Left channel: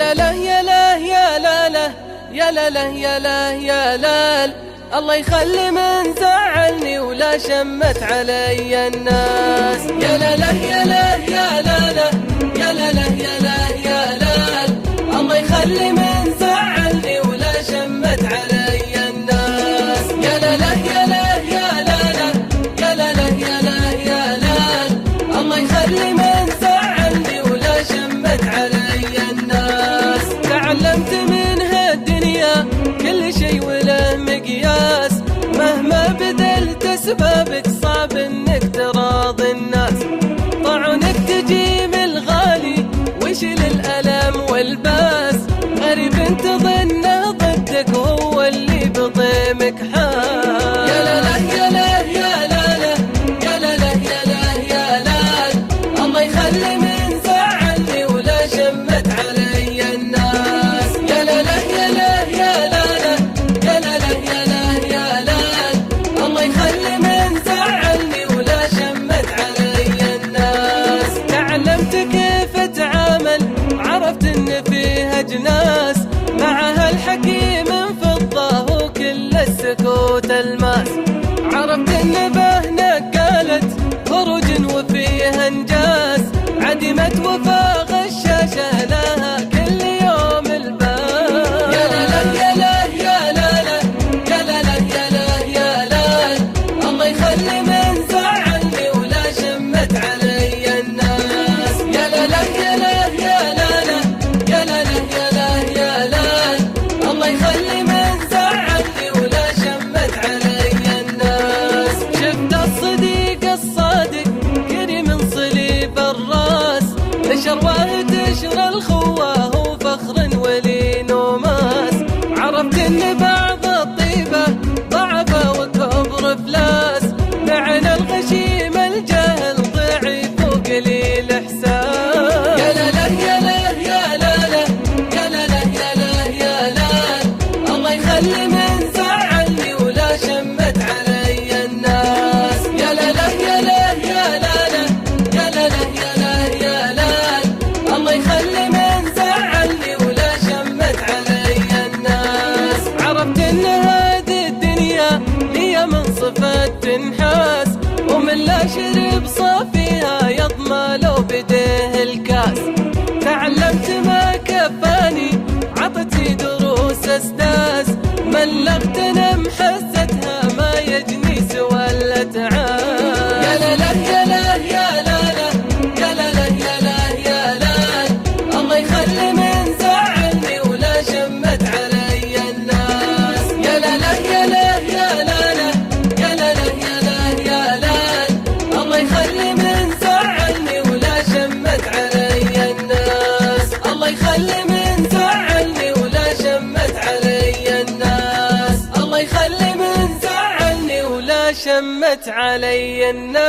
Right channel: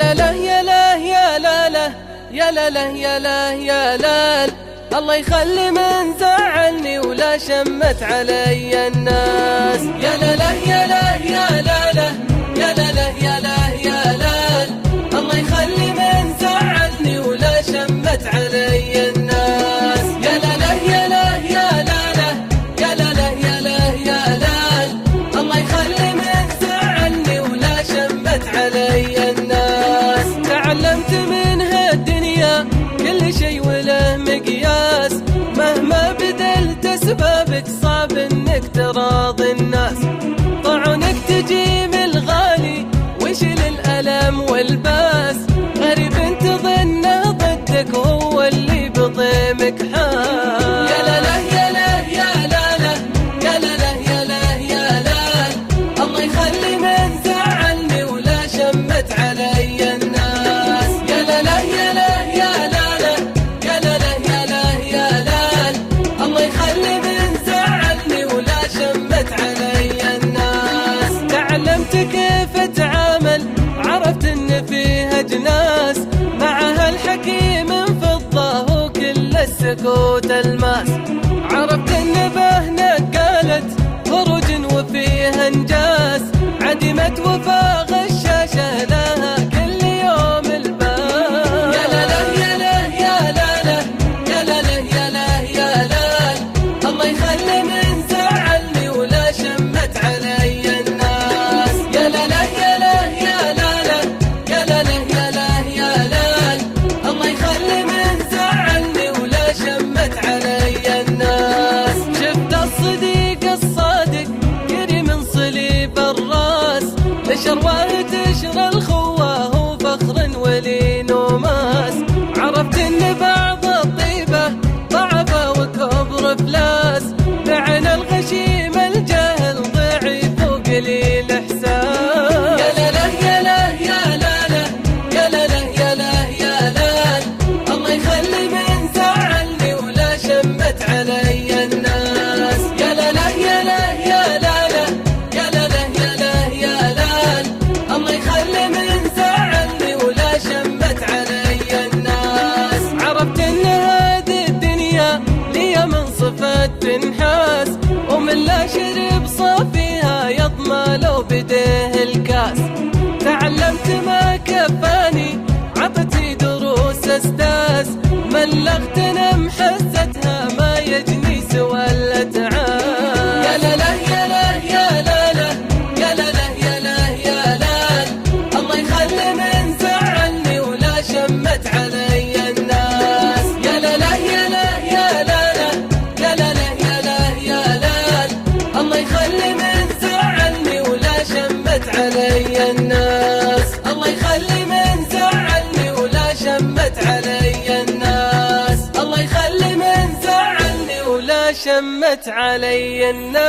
لا لا يا لا يا لا لا يا لا لا يا لا يا لا، الله يخلي من زعلني ولا شمت علي الناس. يا لا لا يا لا يا لا لا يا لا لا يا لا يا لا، الله يخلي من زعلني ولا شمت علي الناس. يا لا لا يا لا يا لا لا يا لا لا يا لا يا لا، الله يخلي من زعلني ولا شمت علي الناس. تعلمت من هالدنيا كل شي وله مقياس، مهما بذلت اسبابك صعب انك تراضي الناس. طعنك تجيب الغالي وشل الألم والباس، غريب تظنه ضدك وهو اللي بضيمك حاس. يا لا لا يا لا يا لا لا يا لا لا يا لا يا لا، الله يخلي من زعلني ولا شمت علي الناس. يا لا لا يا لا يا لا لا يا لا لا يا لا يا لا، الله يخلي من زعلني ولا شمت علي الناس. تعلمت كيف اتعامل، عرفت ان فيها جناس، مع هالحكيم فضة وكل السكوت الماس. عرفت ان بهنك قالت خروج وفيها انجاز، عدمت وفا غشاشة لها كل يوم الباس. يا لا لا يا لا يا لا لا يا لا لا يا لا يا لا، الله يخلي من زعلني ولا شمت علي الناس. يا لا لا يا لا يا لا لا يا لا لا يا لا يا لا، الله يخلي من زعلني ولا شمت علي الناس. شفت الصديق الصادق قري من صليب الراس، لشرواه تشرى الخواه وفخر ولين وماس. عرفت ان بعض الطيبة ضعفة وكبر افلاس، معنى الغشيم الجاهل ضعيف وقليل احساس. يا لا لا يا لا يا لا لا يا لا لا يا لا يا لا، الله يخلي من زعلني ولا شمت علي الناس. يا لا لا يا لا يا لا لا يا لا لا يا لا يا لا، الله يخلي من زعلني ولا شمت علي الناس. عرفت ان هذه الدنيا لي من صفة تنحاس، ومن لا شرب صافيها يضمى لو بديه الكاس. تعلمت ما كفاني عطتي دروس استاذ، ملغتنا محزتها ما يجني سوى الاتعاس. يا لا لا يا لا يا لا لا يا لا لا يا لا يا لا، الله يخلي من زعلني ولا شمت علي الناس. يا لا لا يا لا يا لا لا يا لا لا يا لا يا لا، الله يخلي من زعلني ولا شمت علي الناس. الله يخلي من زعلني ولا شمت علي الناس. الله يخلي من زعلني ولا شمت علي الناس.